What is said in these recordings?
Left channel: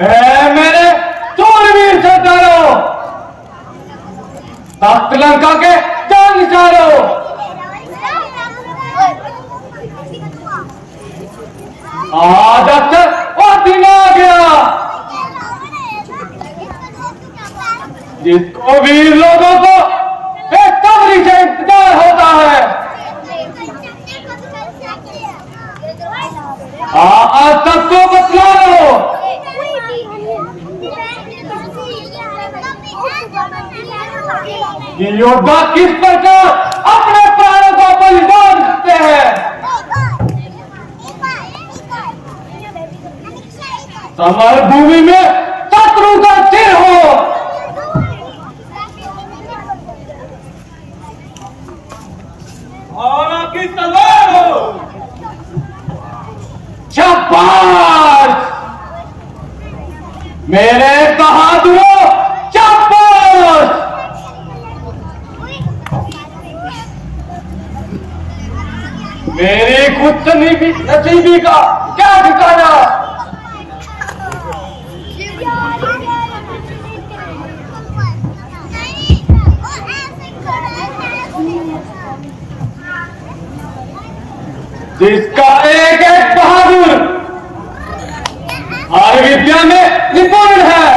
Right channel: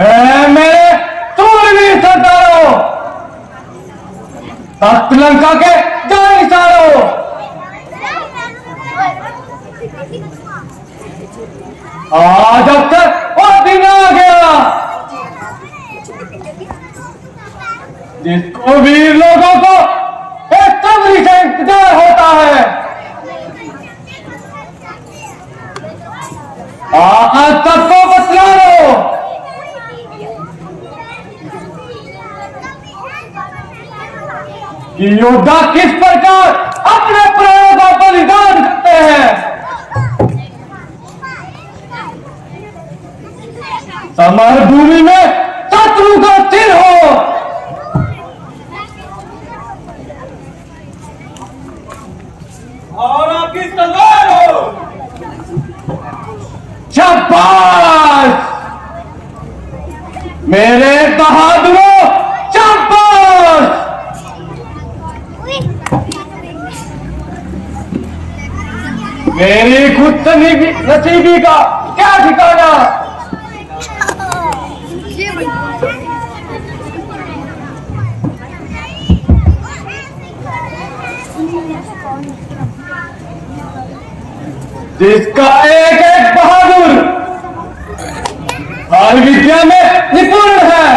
मेरे सूरवीर सरदारों, तख्त लंका के जानिसारों, आज अक्सर और दिन आ गया जिसको वीर लोगों को बेसब्री से इंतजार होता है। आज सबको बतला लो कि योद्धा किस प्रकार अपने प्राणों का बलिदान करते हैं। समर भूमि में शत्रु का सिर हो, और आपकी तलवार हो। शाबाश मेरे बहादुरों, शाबाश। मेरी खुद नसीबी का क्या ठिकाना। जिसका एक एक बहादुर हर विद्या में निपुण है,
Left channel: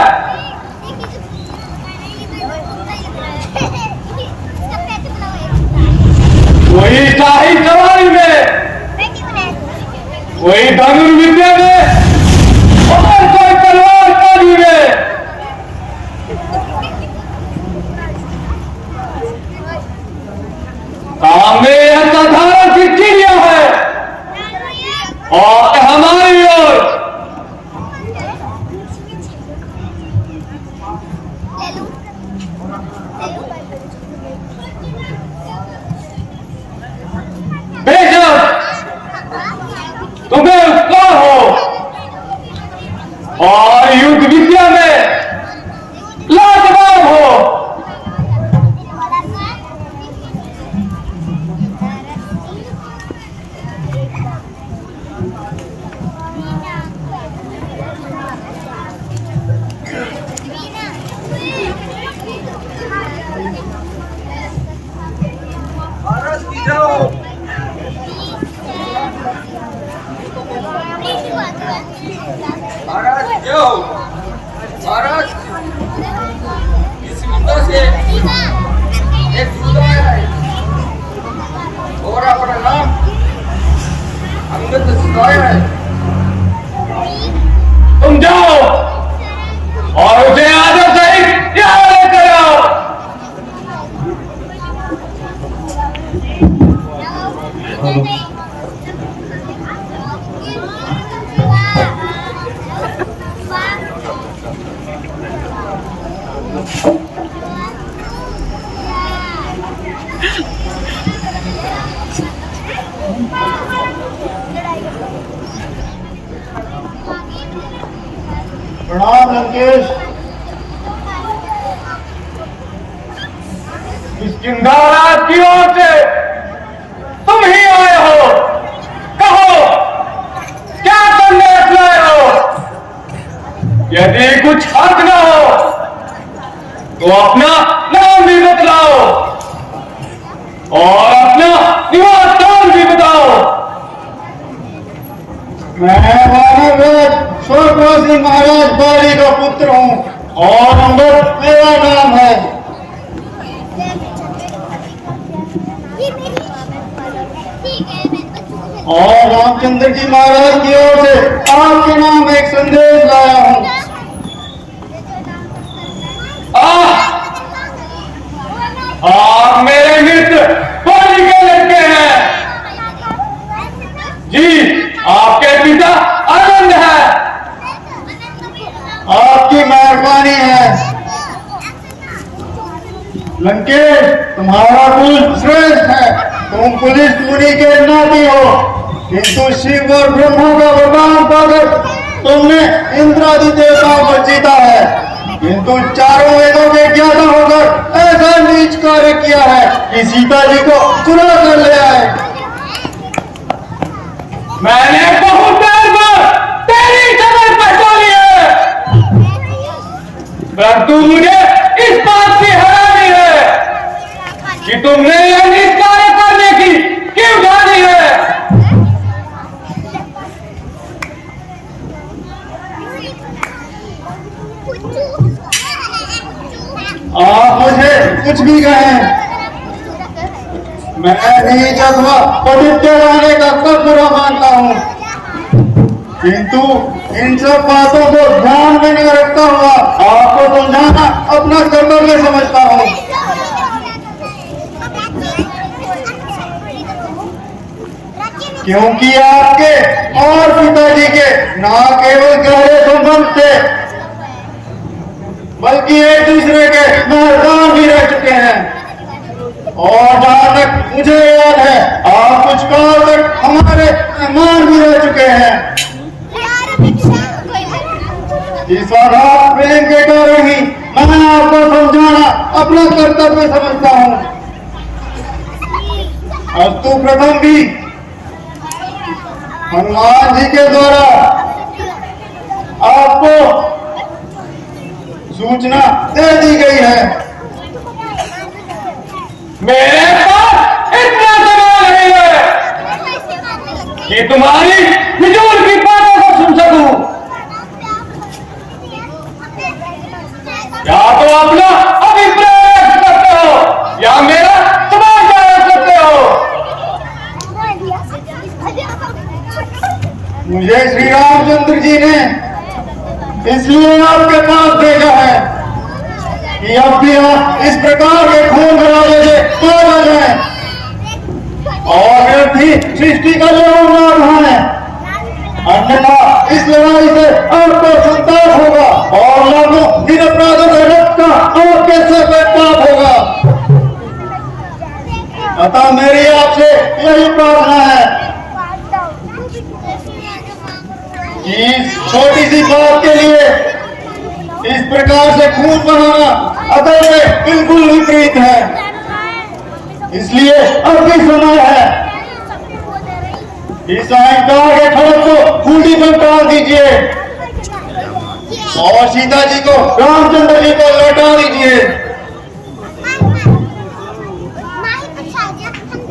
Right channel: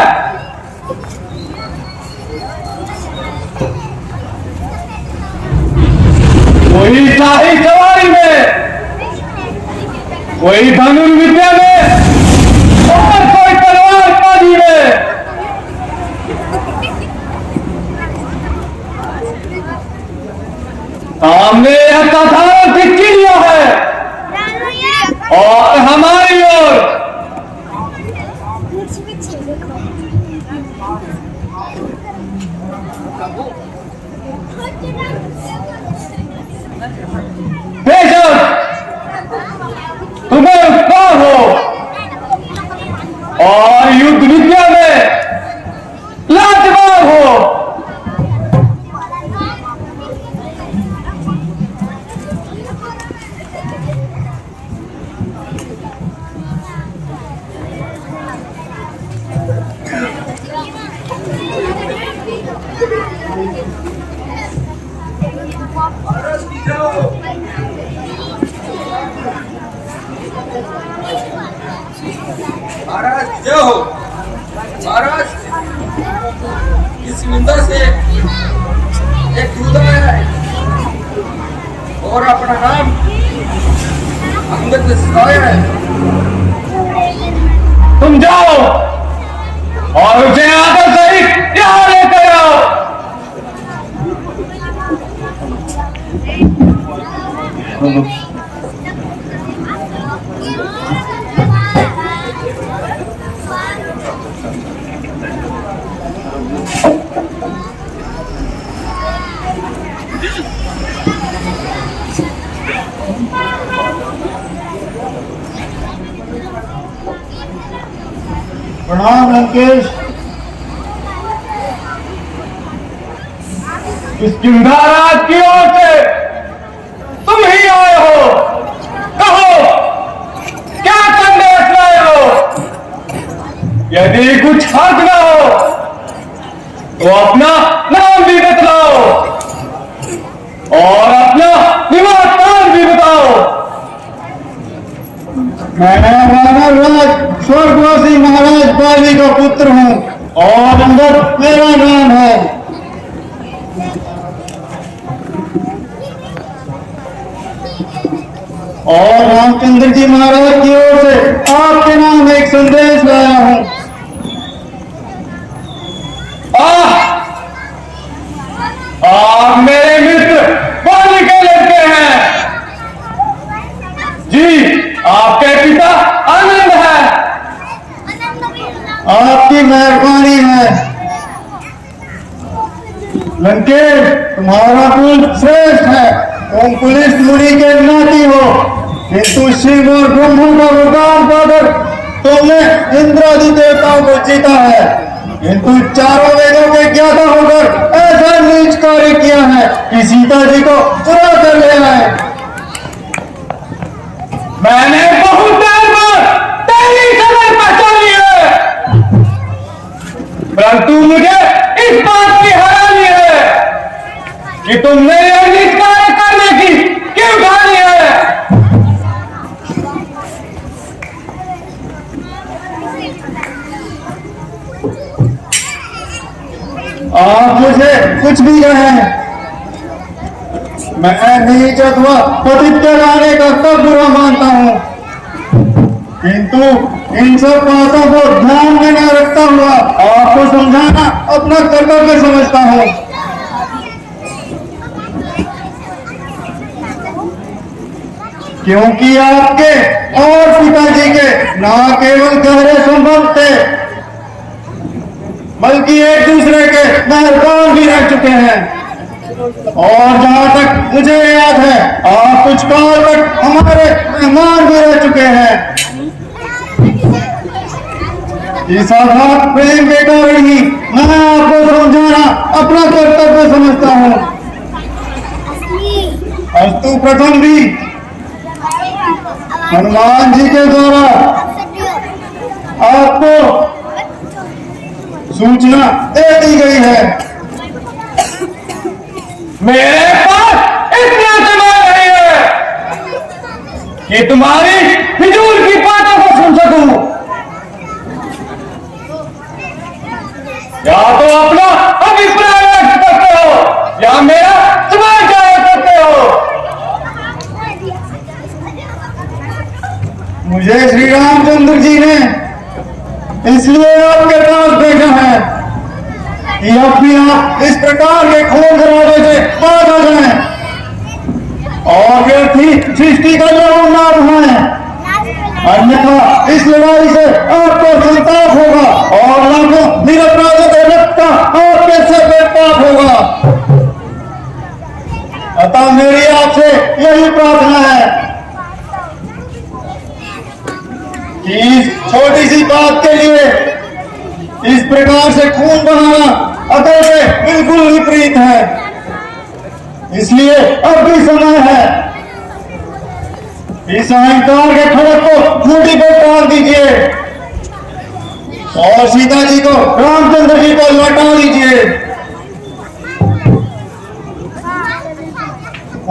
कोई शाही सवारी में, कोई धनुर विद्या में और कोई तलवारबाजी में। सामने असाधारण चिड़िया है और हमारी ओर बेशक तुम्हें उत्साह हो और युद्ध विद्या में लाजवाब हो, महाराज जो हो। महाराज इस निंदा से एक दूध है और अपना नाम अंगद सिखाया है। तुम जाओ और उसे आदर सहित यहाँ लेकर आओ। प्रणाम लंकेश। इस किंधाराज की ओर से तुम ही आए हो, कहो क्या संदेश लाए हो। यदि कुछ हक न हो तो अपना नाम भी बतलाओ और अपना निवास स्थान भी बताओ। मैं स्वर्गवासी महाराज बाली का पुत्र हूँ और अंगद मेरा नाम है। और रामचंद्र जी महाराज की ओर से आपके नाम एक संदेश लाया हूँ। मेरे मित्र बाली के लड़के हैं जी, आपके पिता आनंद है। आपकी मेहरबानी है लंकेश, तुम्हारा कुल श्रेष्ठ है। तुम पुलिस मुनि के नाती हो, किंतु शिव और ब्रह्मा का वरदान पाकर तुमने इंद्रादि देवताओं को जीता है, किंतु चारों वेदों के ज्ञाता होकर ऐसा नीच कार्य किया है कि सीता जी को चुरा कर ले आए। मैंने बहुत देर में तेरी शक्ल पहचानी है। परंतु मुझे इस बात की हैरानी है कि तुमने ये नीच कार्य करने की क्यों ठानी है। आप मुझे कुछ भी कहें, मैं नीच अथवा पवित्र लाने का सब बुरा मानता हूँ, किंतु इन सब बातों को ध्यान में नहीं रखता हुआ आपको समझाना अपना कर्तव्य समझता हूँ। क्योंकि आपके और पिताजी के न केवल गहरे संबंध थे, बल्कि एक दूसरे के मेहरबान भी रह चुके हैं। और जहां तक मुझे याद है, आप कुछ काल तक हमारे मेहमान भी रह चुके हैं। इस आघात प्रेम के कारण ही मैं आपको समझाना अपना कर्तव्य समझता हूँ। अस्तु प्रथम भी हनुमान जी के द्वारा आपको सूचना दे दी गई है। मेरे पास इतना दिमाग नहीं है कि तुम्हारी फिजूल की बातों को सुन सकूं। या तो अपना अभिप्राय व्यक्त करते हो या मेरा समाचार करते हो। मुझे श्री रामचंद्र जी ने इसलिए आपके पास भेजा है कि अब भी आप इस प्रकार के खून खराबे से पागल हैं और व्यर्थी सृष्टि का लड़ाई है। अन्यथा इस लड़ाई से आपको संताप होगा और लाखों निरपराधों का रक्त आपके सिर पर पाप होगा। अतः मेरी आपसे यही प्रार्थना है कि इस छोटी सी बात के लिए इस प्रकार से खून बहाना अतः बिल्कुल विपरीत है। इसलिए अब भी समय है, इस अहंकार के खड़क को खूंटी पर टाल दीजिए और सीता जी को रामचंद्र जी को लौटा दीजिए।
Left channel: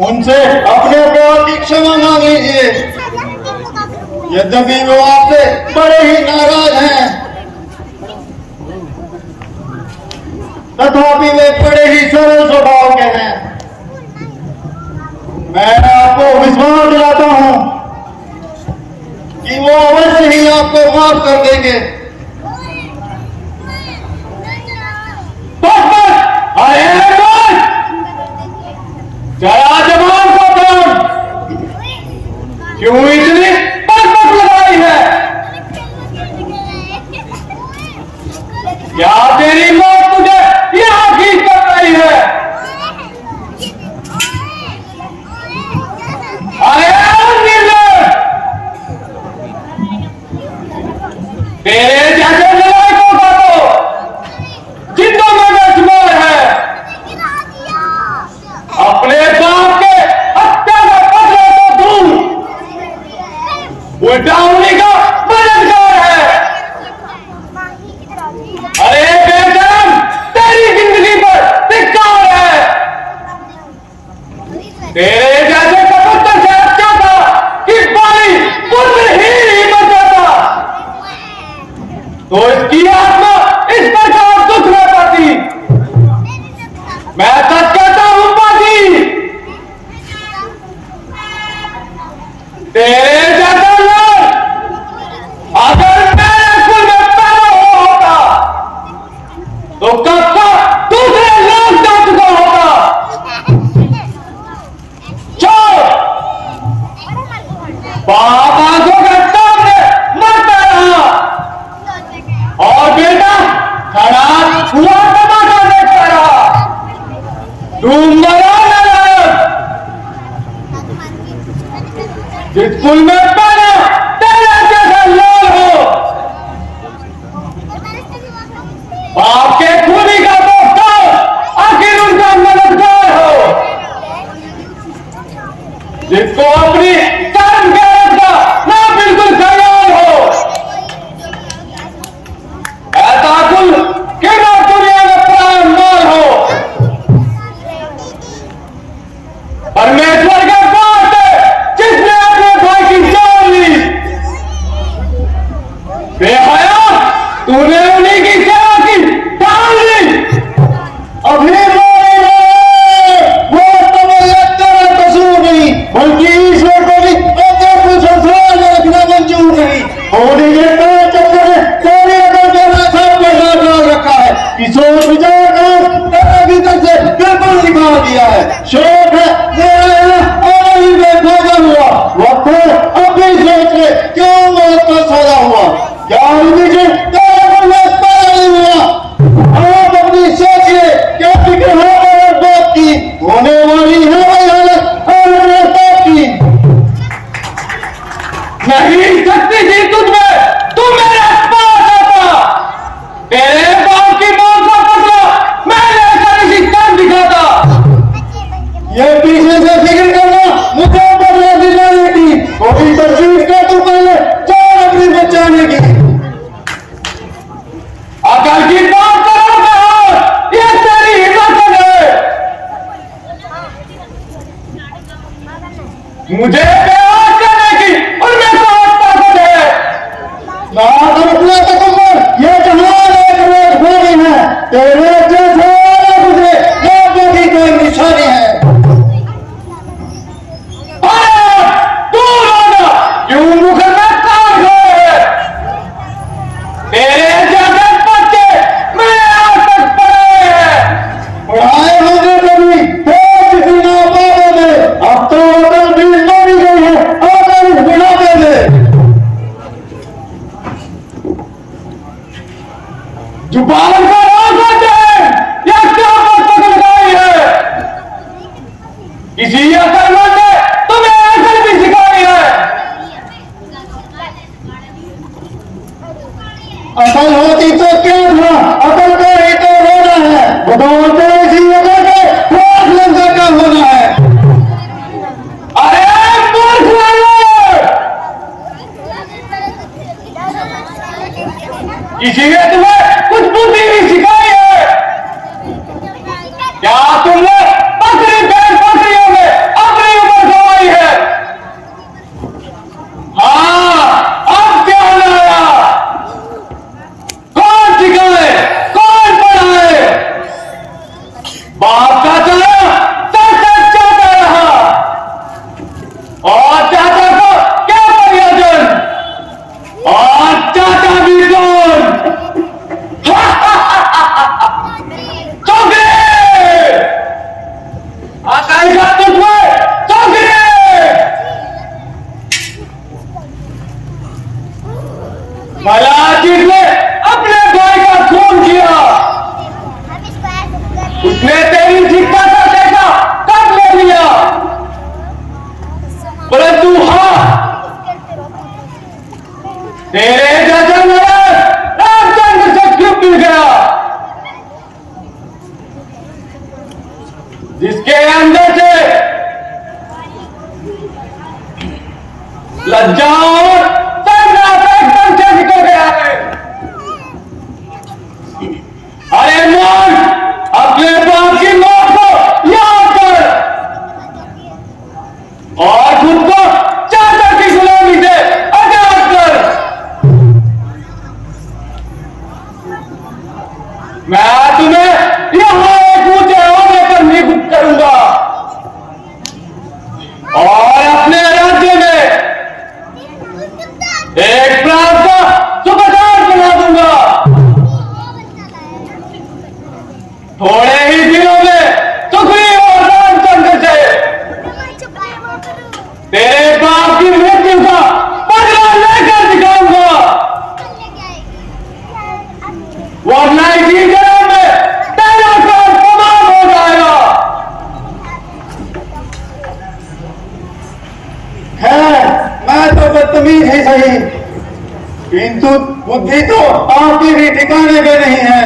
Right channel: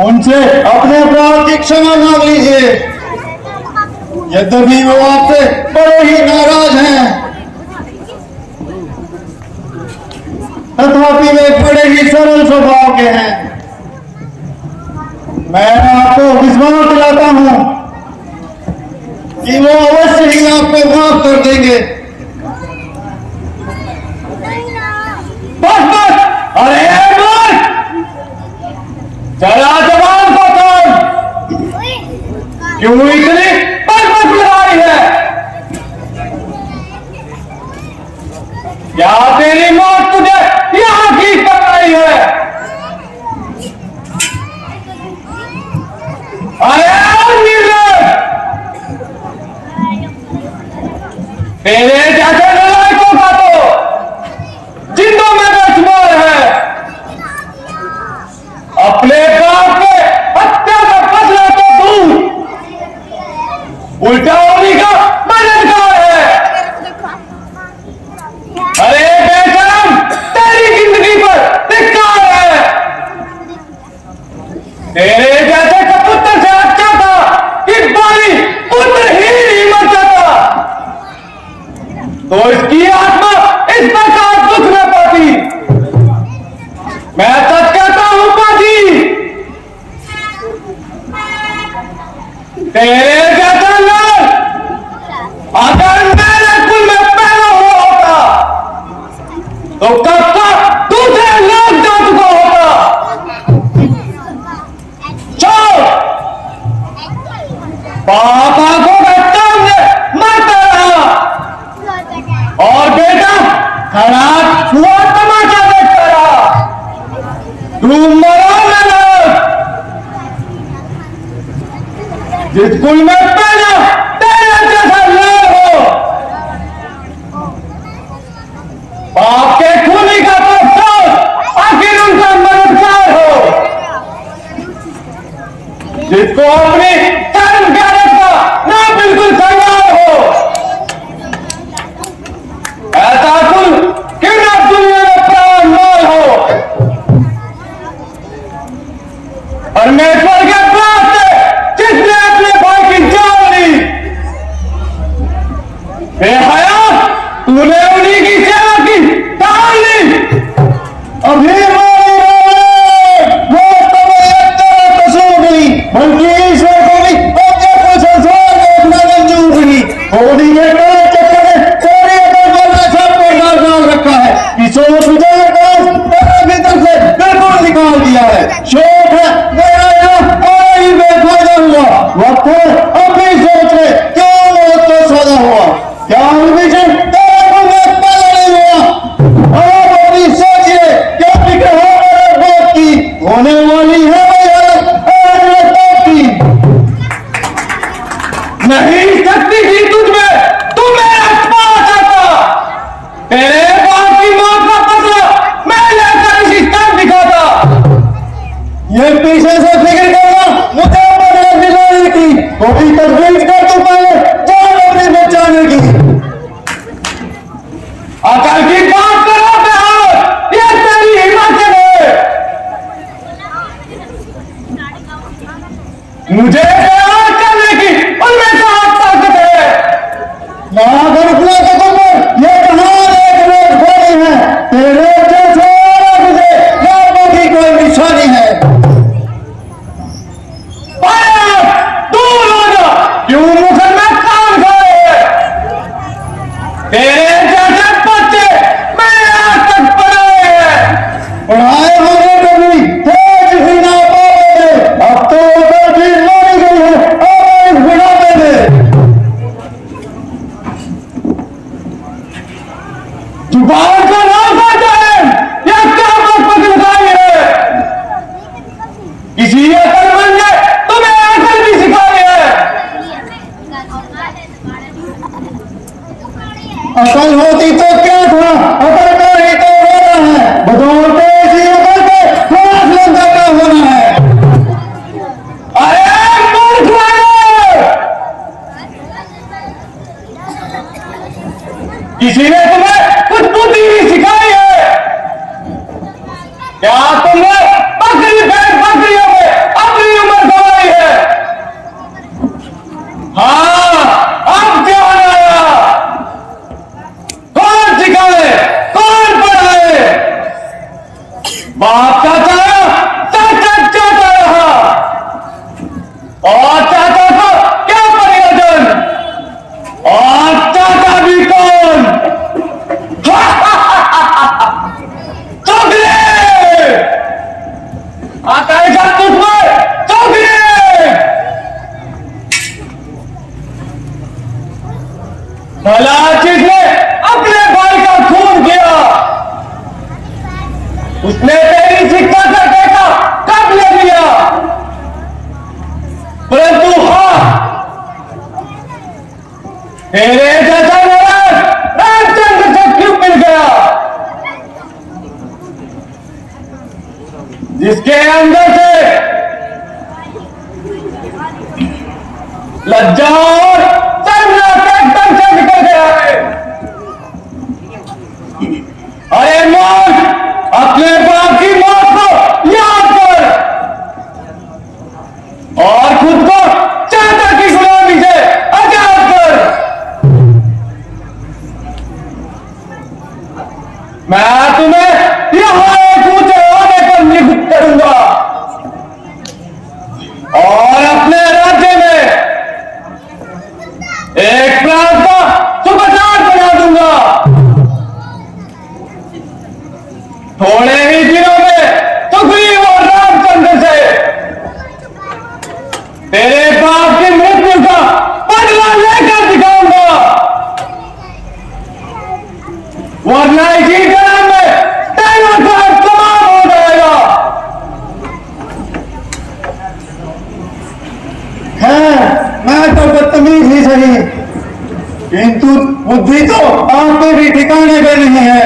उनसे अपने अपराध की क्षमा मांग लीजिए। यद्यपि वो आपसे बड़े ही नाराज हैं, तथापि वे बड़े ही सरल स्वभाव के हैं। मैं आपको विश्वास दिलाता हूं कि वो अवश्य ही आपको माफ कर देंगे। बस बस, अरे बस, जरा जवान को कौन क्यों इतनी बरबस लगाई है? क्या तेरी मौत तुझे यहाँ की कर रही है? अरे निर्दोष, तेरे जैसे लड़ाकों का तो जिंदों में बेशुमार है। अपने बाप के हत्या का बदला तो दूर, उल्टा उन्हीं का मददगार है। अरे बेशरम, तेरी जिंदगी पर धिक्कार है। तेरे जैसे कबूतर से अच्छा था कि बाली पुत्र ही मर जाता, तो इसकी आत्मा इस प्रकार दुख में पाती। मैं सच कहता हूं पाती, तेरे जैसा लोग अगर मेरे कुल में पैदा हुआ होता तो कब तक दूसरे लोग जा चुका होता। चलो, बाप आंखों के सामने मरता रहा और बेटा खड़ा हुआ तमाशा देखता रहा। तुम मरो न, जिस कुल में बेहया, तूने उन्हीं की सेवा की ठान ली। अभी वो तुम्हें एक तरह कसूर नहीं, बल्कि ईश्वर को भी अंदर कुछ संसार में अपना मंजूर नहीं। होली में कई चक्कर में तेरे अंदर में सब कुछ डाल रखा है कि सोच विचार कर तेरे भीतर से बिल्कुल निकाल दिया है। शौक है मेरा और ही बेफायदा हुआ वक्त है, अब भी सोच ले क्या मौत का सौदा हुआ, क्या विजय तेरे को वक्त पैदा नहीं हुआ। आप अपनी सोचिए क्या फिक्र है मेरे बात की, होने वाली है वही हालत और मेरे बाप की। नहीं शक्ति थी तुझमें, तू मेरे पास आता, तेरे बाप की मौत का पता मैं लेकर इसी तक दिखाता। ये पीछे से फिक्र करना मुझे बदला दिलाने की, वो भी तजवीज कर तू पहले जान अपनी बचाने की। अकल की बात करो कहो, ये तेरी हिम्मत है। मुझे प्यार करने की और मेरे साथ ताकत है। ना बरसना तो तुम ये जहान एक रोज हो गई है, तेरे जैसे गुजरे लोगों की कोई निशानी है। दूर हो जा, क्यों मुसलमान काम खाए? तेरे जैसे बच्चे मैंने आज तक पढ़ाए हैं। पढ़ाए होने कभी तेज बिना पावे में, अब तो उधर भी लड़ी गई है और इस बिना में। जुबान को रोक जाए, ये क्या बात लगाई है? किसी अकलमंद ने तुम्हें अकल भी सिखाई है। अकल होती तो क्या था, अकल का ही तो होना है, बदौलत तो इसी अकल के लाख लंका का होना है। अरे मूर्ख लोग! किसी ने तुम्हें कुछ बुद्धि नहीं सिखाई है? क्या तुमने बकरी बैल बकरियों में अपनी उम्र गवाई है? हाँ, अब क्या आया? कौन सिखाए, कौन पढ़ाए? बाप का चला चाचा रहा, और चाचा को क्या प्रयोजन, और चाचा भी कौन? चौधरी आता है क्या तुझमें? चौधरी भला चीज ने अपने भाई का खून किया, उसने तेरी शिक्षा से देखा कब ले लिया, परंतु हाँ, तेरे जैसा नवाज रामचंद्र से क्यों मिल गया, जिसके अंदर से लज्जा और शर्म एकदम से निकल गया है। अरे मौत, अपने बाप की मौत को याद कर और खुद को चाचा की गुलामी से आजाद कर। मैं तुम्हें यहां एक ऊंचे होने पर नियुक्त करूंगा और अपने राज्य में एक प्रांत का सुबेदार बना दूंगा। थोड़े ही दिनों में सुग्रीव और रामचंद्र से तेरे बाप की मृत्यु का बदला लेकर दिखाऊंगा, वरना इसी जन्म में तेरा काम तमाम हो जाएगा। है मैं तो बदतमीज ही सही, किंतु बुद्धि तो आपके भी ठिकाने पे नहीं है।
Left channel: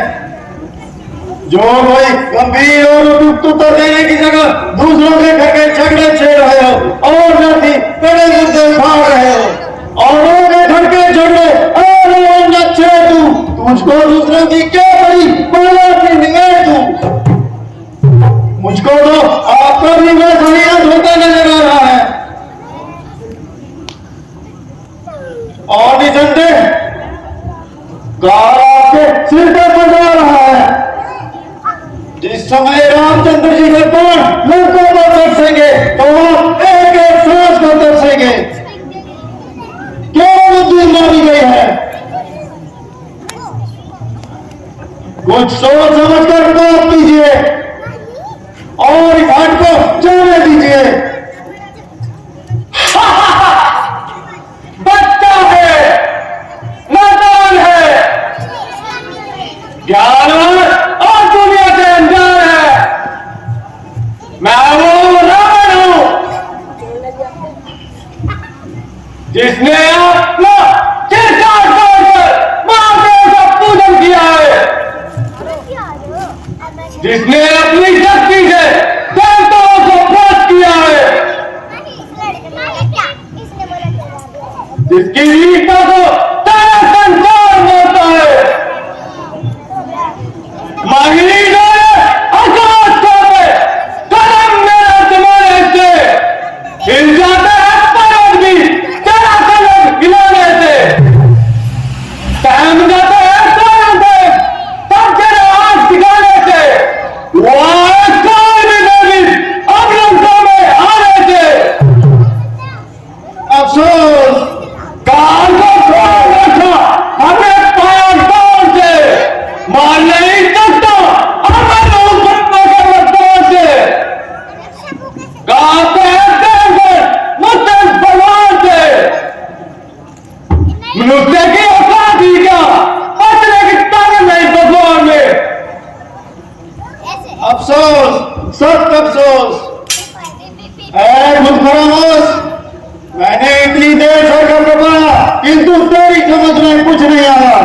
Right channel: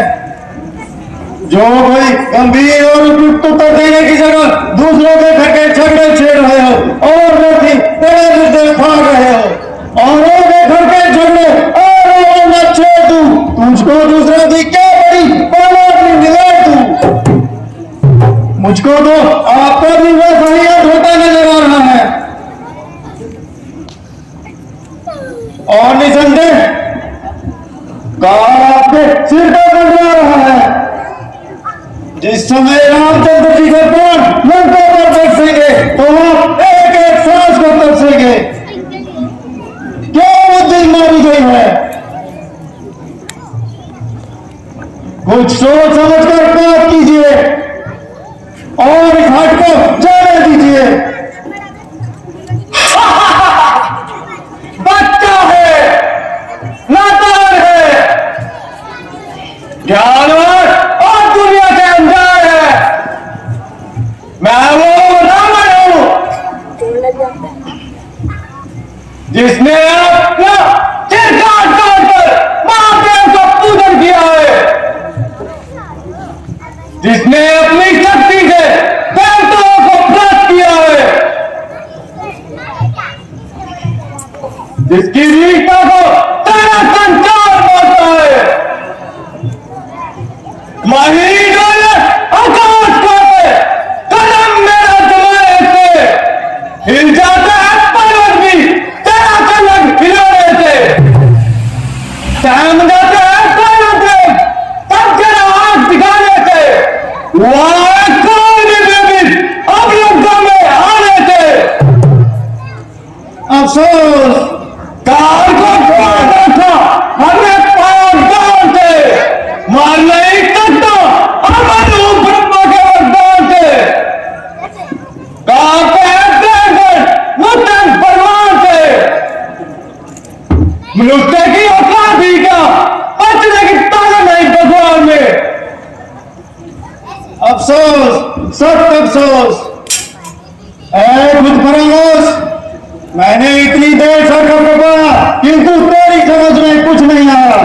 जो भाई गंभीर और उपयुक्त उत्तर देने की जगह दूसरों के घर के झगड़े छेड़ रहे हो और व्यक्ति बड़े मुद्दे भाग रहे हो और लोगों के घर के झगड़े और न छोड़ दूं, तुझको दूसरों की क्या बड़ी पहले अपनी निगाह दूं। मुझको तो आपका भी वैसा ही अंत होता नजर आ रहा है और निसंदेह जिस समय रामचंद्र जी के प्राण लंका पर बरसेंगे तो वो एक एक सांस को तरसेंगे। क्यों बुद्धि मारी गई है? कुछ सोच समझ कर बात कीजिए और इस हट को जाने दीजिए। बच्चा है, नादान है, ज्ञानवान और दुनिया से अनजान है। मैं वो रावण हूं जिसने अपना सिर काट कर महादेव का पूजन किया है, जिसने अपनी शक्ति से देवताओं को भ्रष्ट किया है, जिसकी वीरता को सारा संसार मानता है। महीन आकाश को कदम मेरा तुम्हारे से हिल जाते हैं, पर्वत भी तेरा कलम हिलाने से सहम जाते हैं, पर्वत तब तेरा हाथ दिखाने से, अवरुद्धों में आने से। अफसोस कार को छोड़ रखा हमें पार से मार नहीं सकता, हमें ब्रह्मा के वरदान से गाते हैं मुस्लिम भगवान से। मनुष्य की औकात ही क्या, बचने की ताकत नहीं भगवान में। अफसोस, सख्त अफसोस। खुद फरामोश, मैंने इतनी देर से पकड़ा किंतु तेरी समझ में कुछ नहीं आया।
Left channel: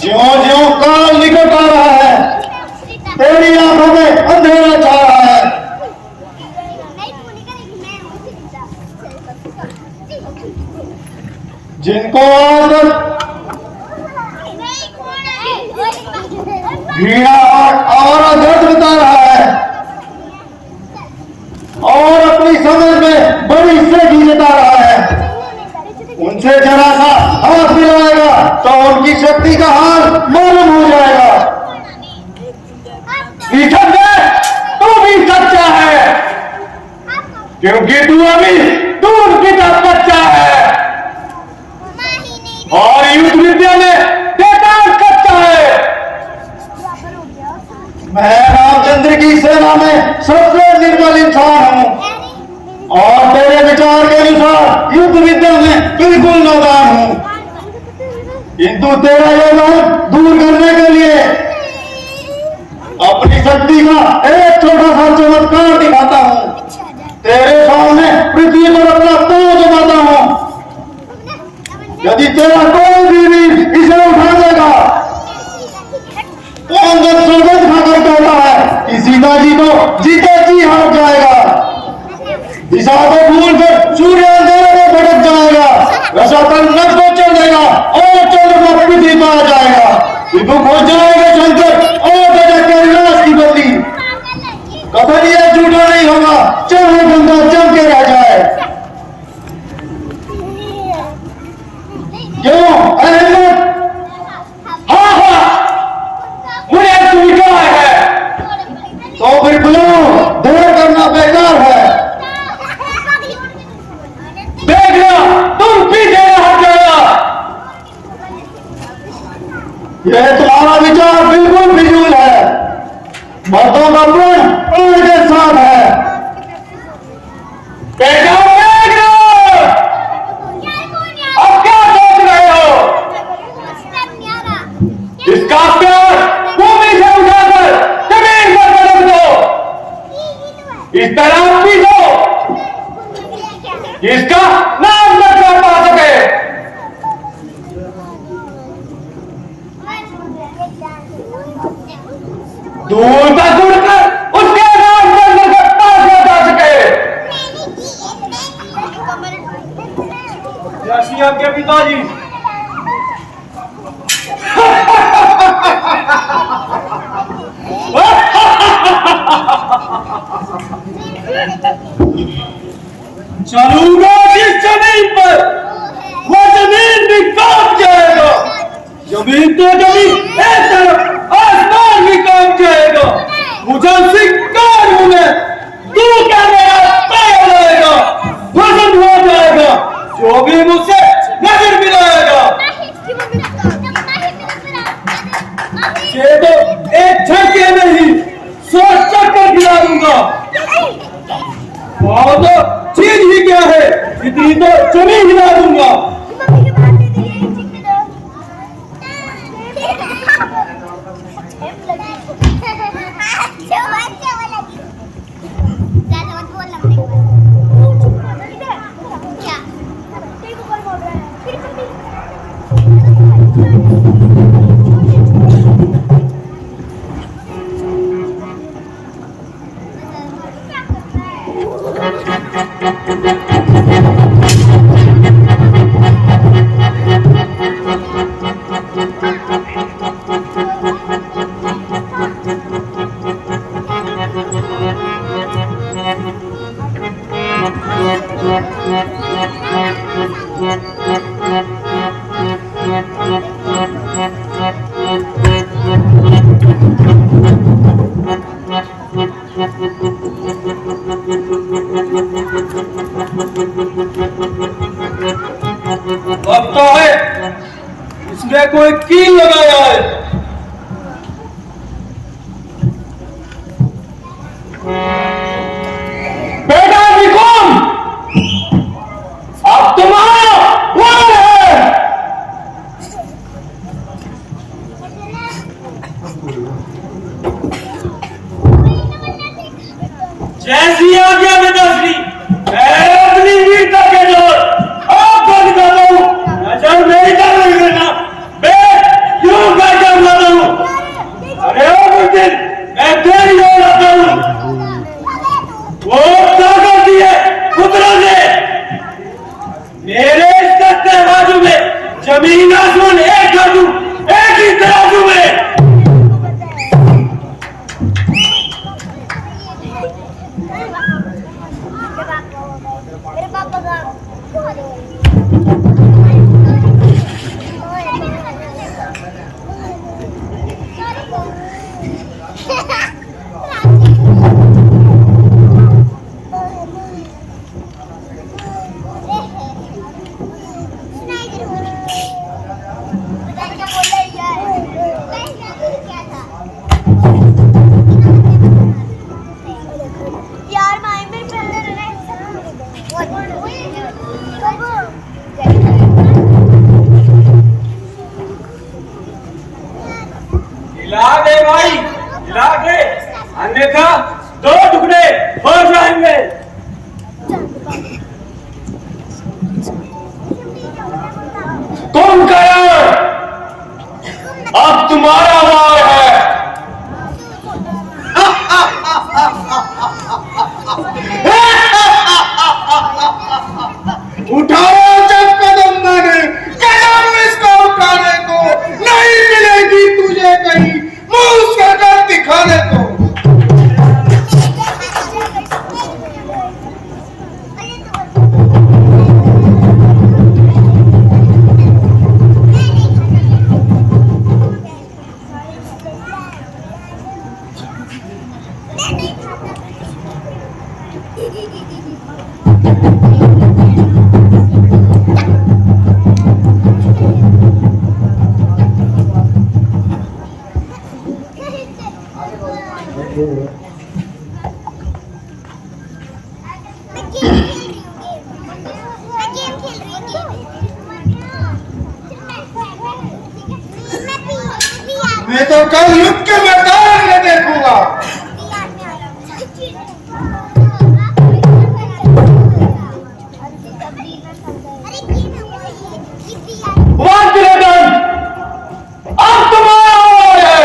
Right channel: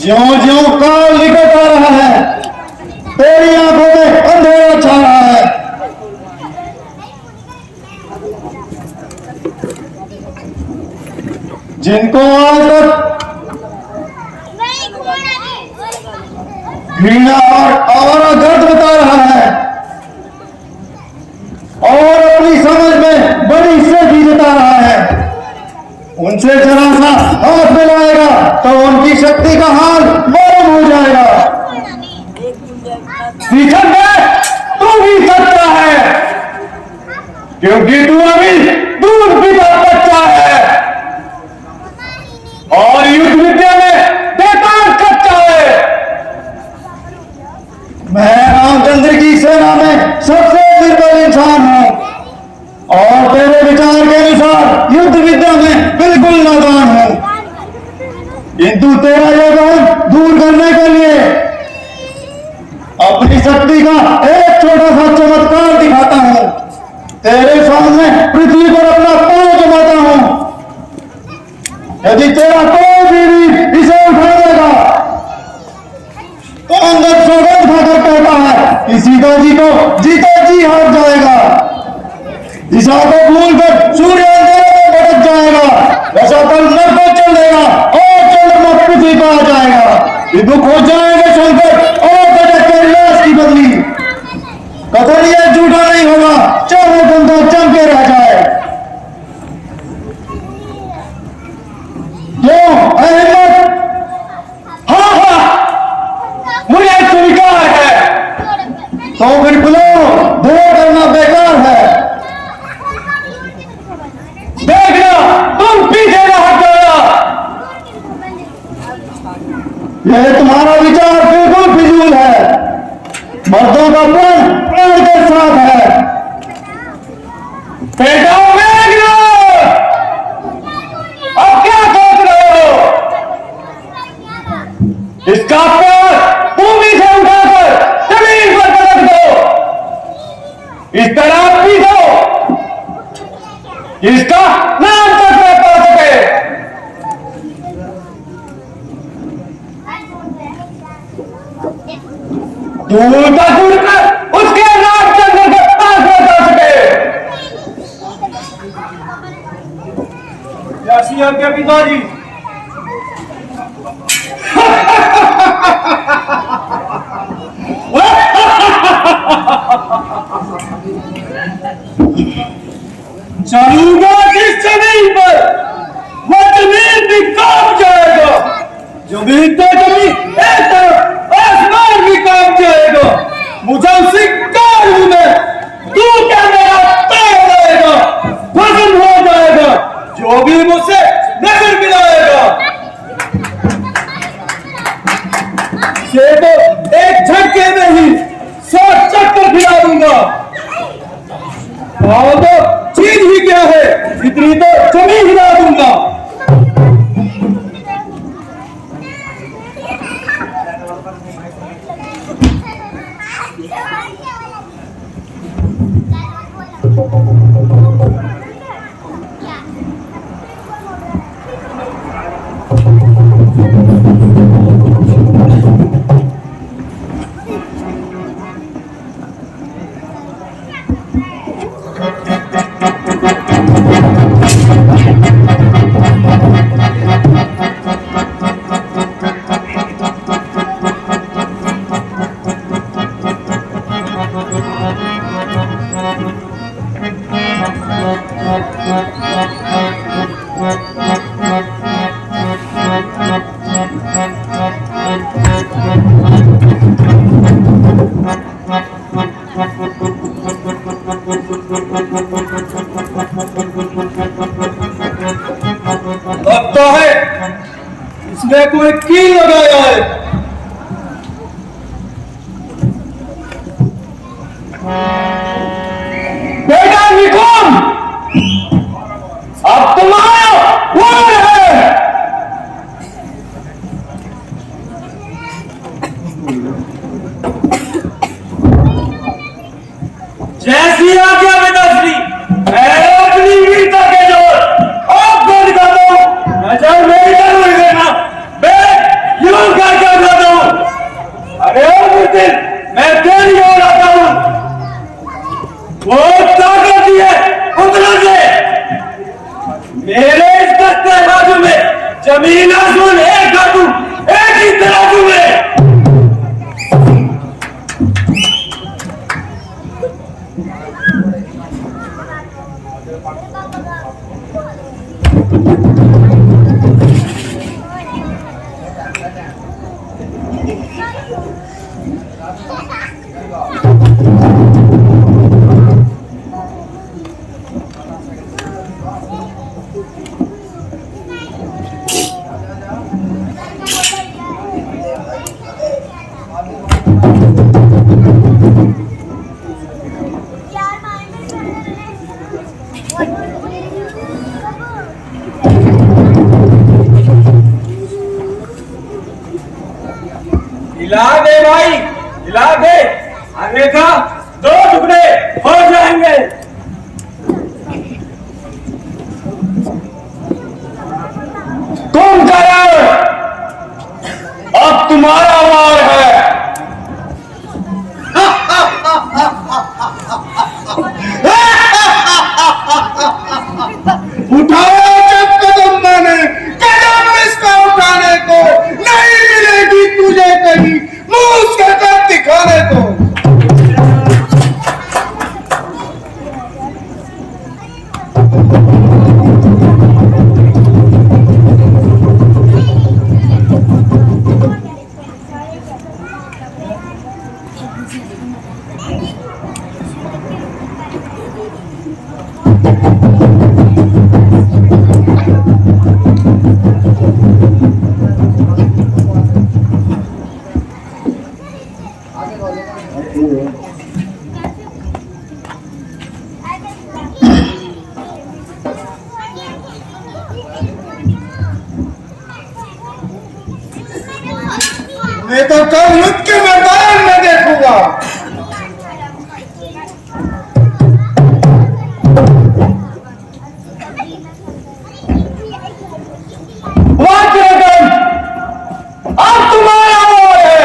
ज्यों ज्यों काल निकट आ रहा है तेरी आंखों में अंधेरा छा रहा है। जिनको आज तक घृणा और आवारा दर्द बता रहा है और अपनी समझ में बड़ी सेठी जता रहा है, उनसे जरा सा हाथ मिलाएगा तो उनकी शक्ति का हाल मालूम हो जाएगा। तू भी सच्चा है क्योंकि तू अभी दूध पीता बच्चा है और युद्ध विद्या में बेकार कच्चा है। मैं रामचंद्र की सेना में सबसे निर्बल इंसान हूं और तेरे विचार के अनुसार युद्ध विद्या में बिल्कुल नादान हूं, किंतु तेरा यह ज्ञान दूर करने के लिए अपनी शक्ति का एक छोटा सा चमत्कार दिखाता हूं। तेरे सामने पृथ्वी पर अपना पांव जमाता हूं। यदि तेरा कोई भी वीर इसे उठा देगा तो अंदर सौगंध खाकर कहता है कि सीता जी को जीता जी हार जाएगा। दिशा को भूलकर सूर्य अंधेरे में भटक जाएगा, रसातल नभ को चल देगा और चंद्रमा पृथ्वी पर आ जाएगा। विमुख हो जाएगा शंकर और गजब के लाश की बदली। कथन यह झूठा नहीं होगा, चाहे बंदा जम के रह जाए। क्यों अहमद? हाँ हाँ, मुझे स्वीकार है। तो फिर बुलाओ, देर करना बेकार है। देखना तुम पीछे न हट जाना। यह तुम्हारा विचार बिल्कुल फिजूल है। मर्दों का प्राण प्राण के साथ है। बेटा अब क्या सोच रहे हो? इसका पैर भूमि से उठाकर जमीन पर रख दो, इस तरह पीछो इसका नाम तक न पा सके। दूर तक उड़कर उसके नाम चंद्र के पास न जा सके। जैसी आपके पिताजी। चलूंगा जिस जमीन पर वो जमीन भी कांप जाएगा। जमीन तो जमीन एक तरफ, आसमान भी काम जाएगा, मुझे शिकार हूं मैं, तू क्या मेरा पैर रहेगा, पसंद हो जाएगा जो भी मुझसे नजर मिलाएगा। ये तो एक झटके में ही 100 चक्कर खिला दूंगा। और तो चीज ही क्या है, इतनी तो जमीन हिला दूंगा। लगता है इसमें कोई कील लगाया है। बेटा निकम, अब तुम्हारा वक्त है। जैसी आज्ञा पिताश्री, मैं अपनी वीरता के जोर आपको दिखाता हूँ। नजर मेरी तरफ नहीं करना, मैं यूं करके बताता हूँ। अरे ओ मुर्तिल, मैं तेरी ओर आता हूँ। वो ताकत है कुदरत से, मेरे इस तख्ते बाजू में जमीन आसमान एक कर दूं, एक ही तराजू में। हिला दे भाई, हिला दे, अन्यथा 2 टुकड़े हो जाएंगे। तुम करो, अब तुम्हारा वार है। उठाओ जब कदम मैंने, कदम इसका उठाने को नहीं मिलेगी तुझे कहीं मुंह उसका कर दिखाने को। मैं तो कल युद्ध के मैदान में देखूंगा। अब तुम्हारा वार है।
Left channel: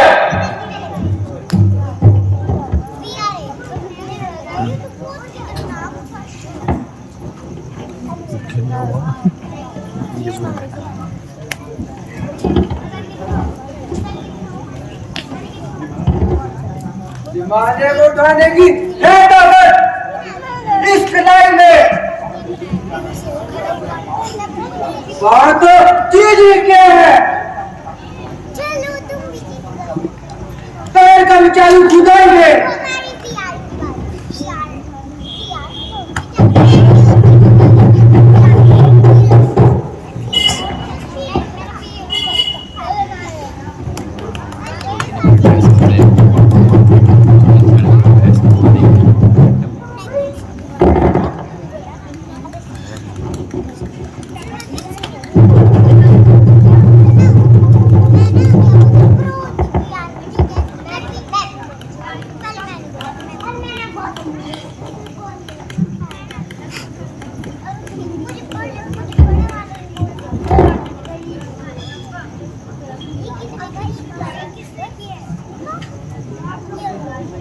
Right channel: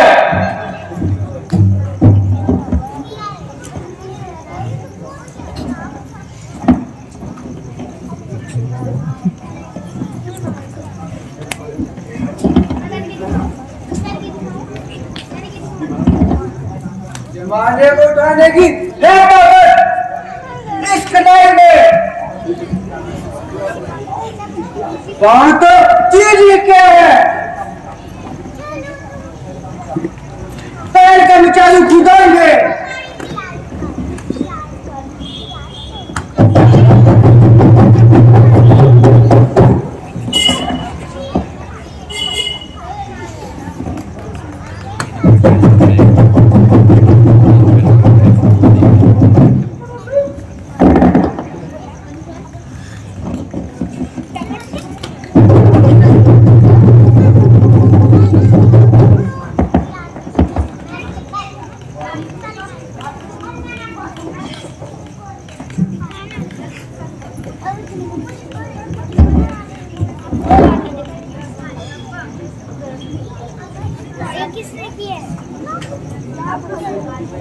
जमाने को उठाने की है ताकत इस कलाई में। बात तो चीज ही क्या है, पैर का चालू ठुकाएंगे।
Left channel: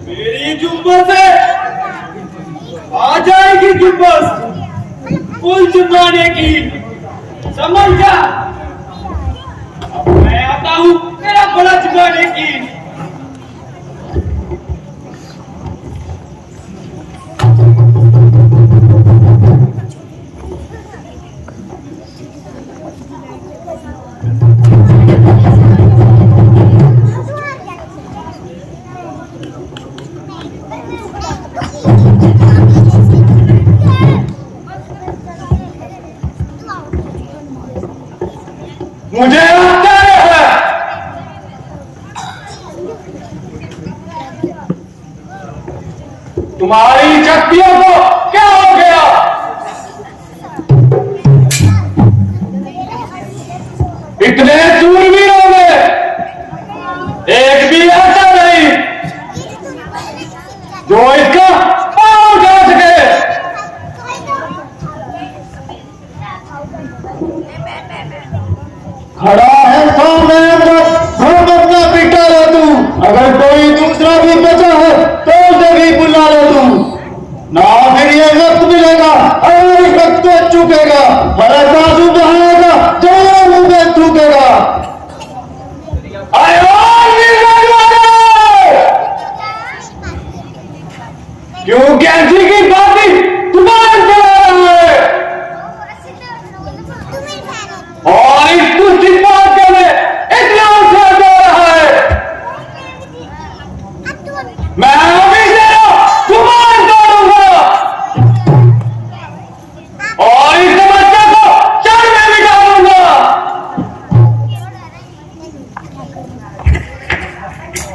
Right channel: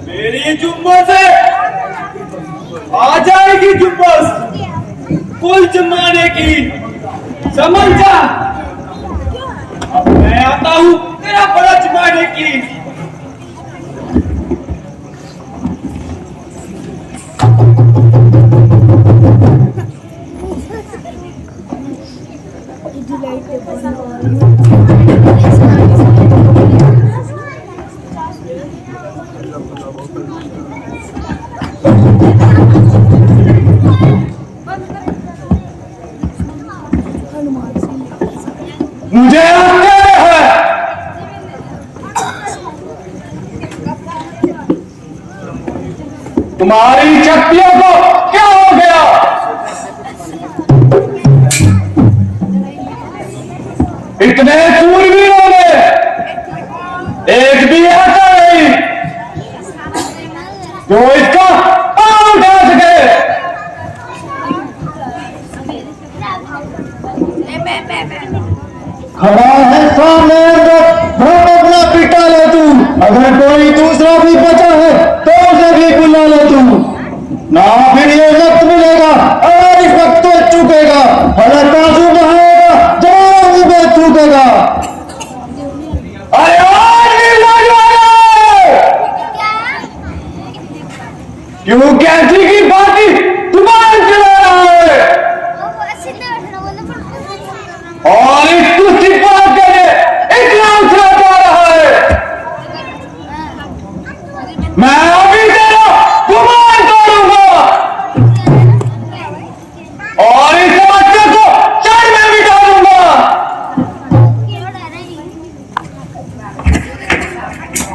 मेरी जुम्मत है, आ जाएगी जुम्मत कुल जुम्माने की, समझ जा। अब मैं आता हूँ तेरा बड़ा जुम्माने की। मुझे आश्चर्य है, तुम्हारी शक्तियों को क्या हो गया? इतने सूरवीरों में एक भी ऐसा नहीं जो इसका पांव उठा सके। खड़ा है सामने बहुत अपना पिटा ले तू। अगर कोई दूसरा भी बचा है तो उसे भी बुला ले तू। ना फिर ये वक्त मिलेगा और इस वक्त तो चुकेगा। हरे बाजू बहाएगा जवान मुंह थूकेगा। क्यों कैसी की बाती तुम्हारे चला रहा है और इस तुझी बात के लिए इतना उत्साह जा रहा है। मैं अभी तेरा गुमान करूंगा और इस समस्या को जड़ में मिटा दूंगा।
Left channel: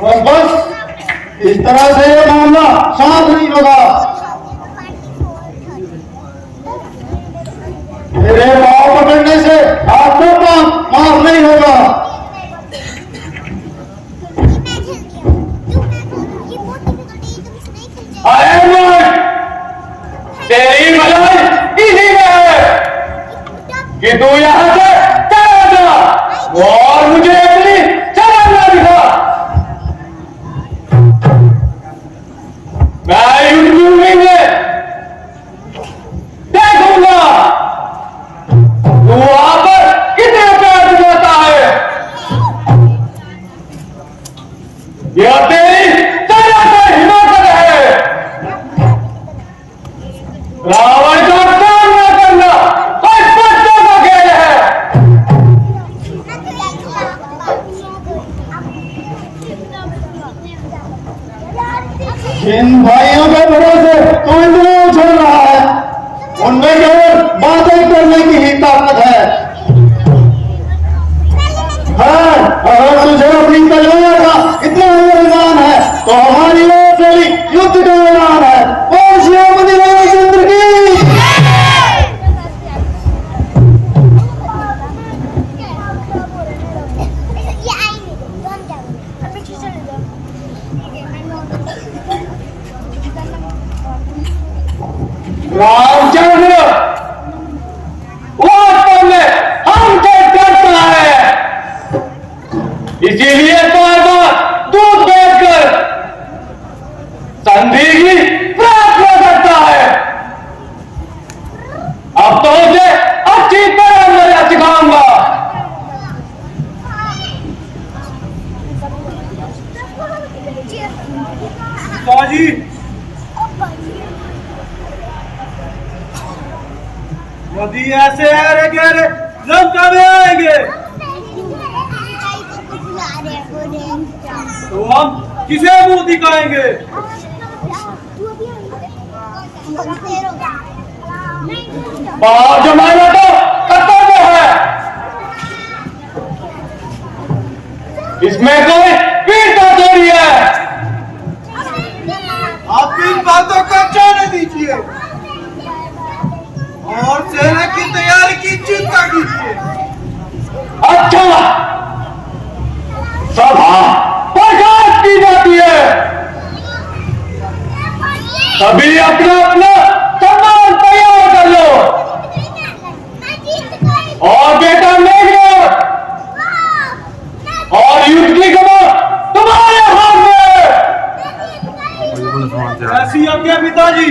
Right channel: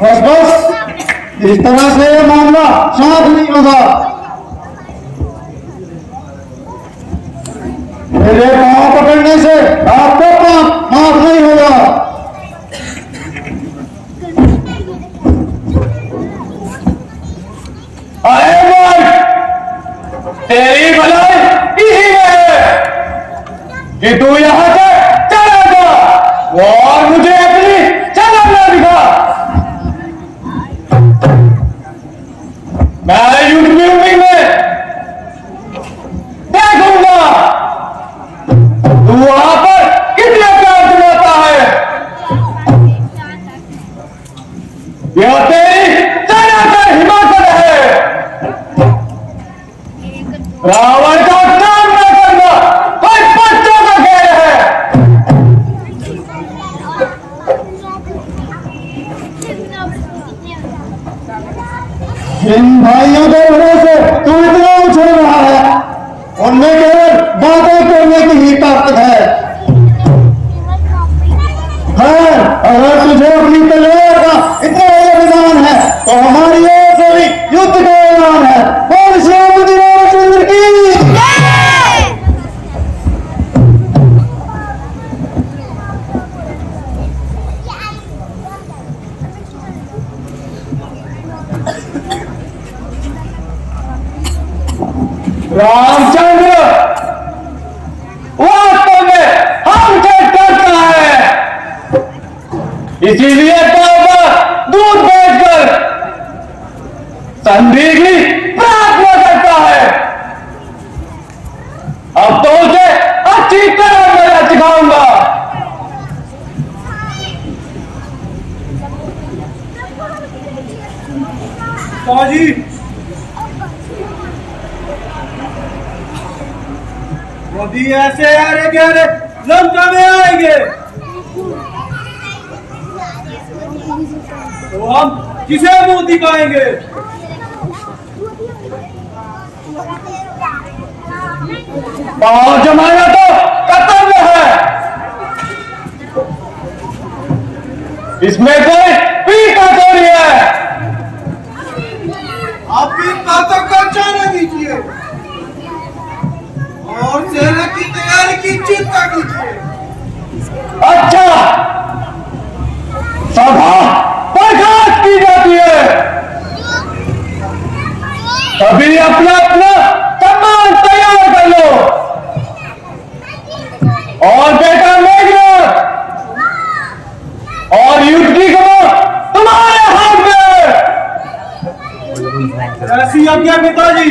बस बस इस तरह से ये मामला शांत नहीं होगा। मेरे पांव पकड़ने से आपको माफ नहीं होगा। तेरी भलाई इसी में है कि तू यहां से चला जा और मुझे अपनी शक्ल ना दिखा। मैं यूट्यूब में देखूंगा तू वहां पर कितने प्यार दिलाता है। यह तेरी सरासर हिमाकत है। रावण का सामना करना कोई बच्चों का खेल है। जिन भाइयों के भरोसे तू इतना उछल रहा है उनमें केवल बातें करने की ही ताकत है। हाँ, अगर तुझे अपनी तलवार का इतना अभिमान है तो हमारी ओर से भी युद्ध का ऐलान है। और श्रीमती रामचंद्र की रामचंद्र वास्तव में हमसे डरता है, इसीलिए बार-बार दूध बेचकर संधि की प्रार्थना करता है। अब तो उसे अच्छी तरह मैं सिखाऊंगा। फौजी यदि ऐसे अरे गहरे लंका में आएंगे तो हम किसे मुंह दिखाएंगे? और जमाना तो कर्तव्य है, इसमें कोई पीर का चोरी है। आप इन बातों को जाने दीजिए और सेना की तैयारी की चिंता कीजिए। अच्छा, सभा बर्खास्त की जाती है, अभी अपना अपना सामान तैयार कर लो। और बेटा मेघनाथ और युद्ध की खबर तुम्हारे हाथ में। ऐसी आज्ञा पिताजी।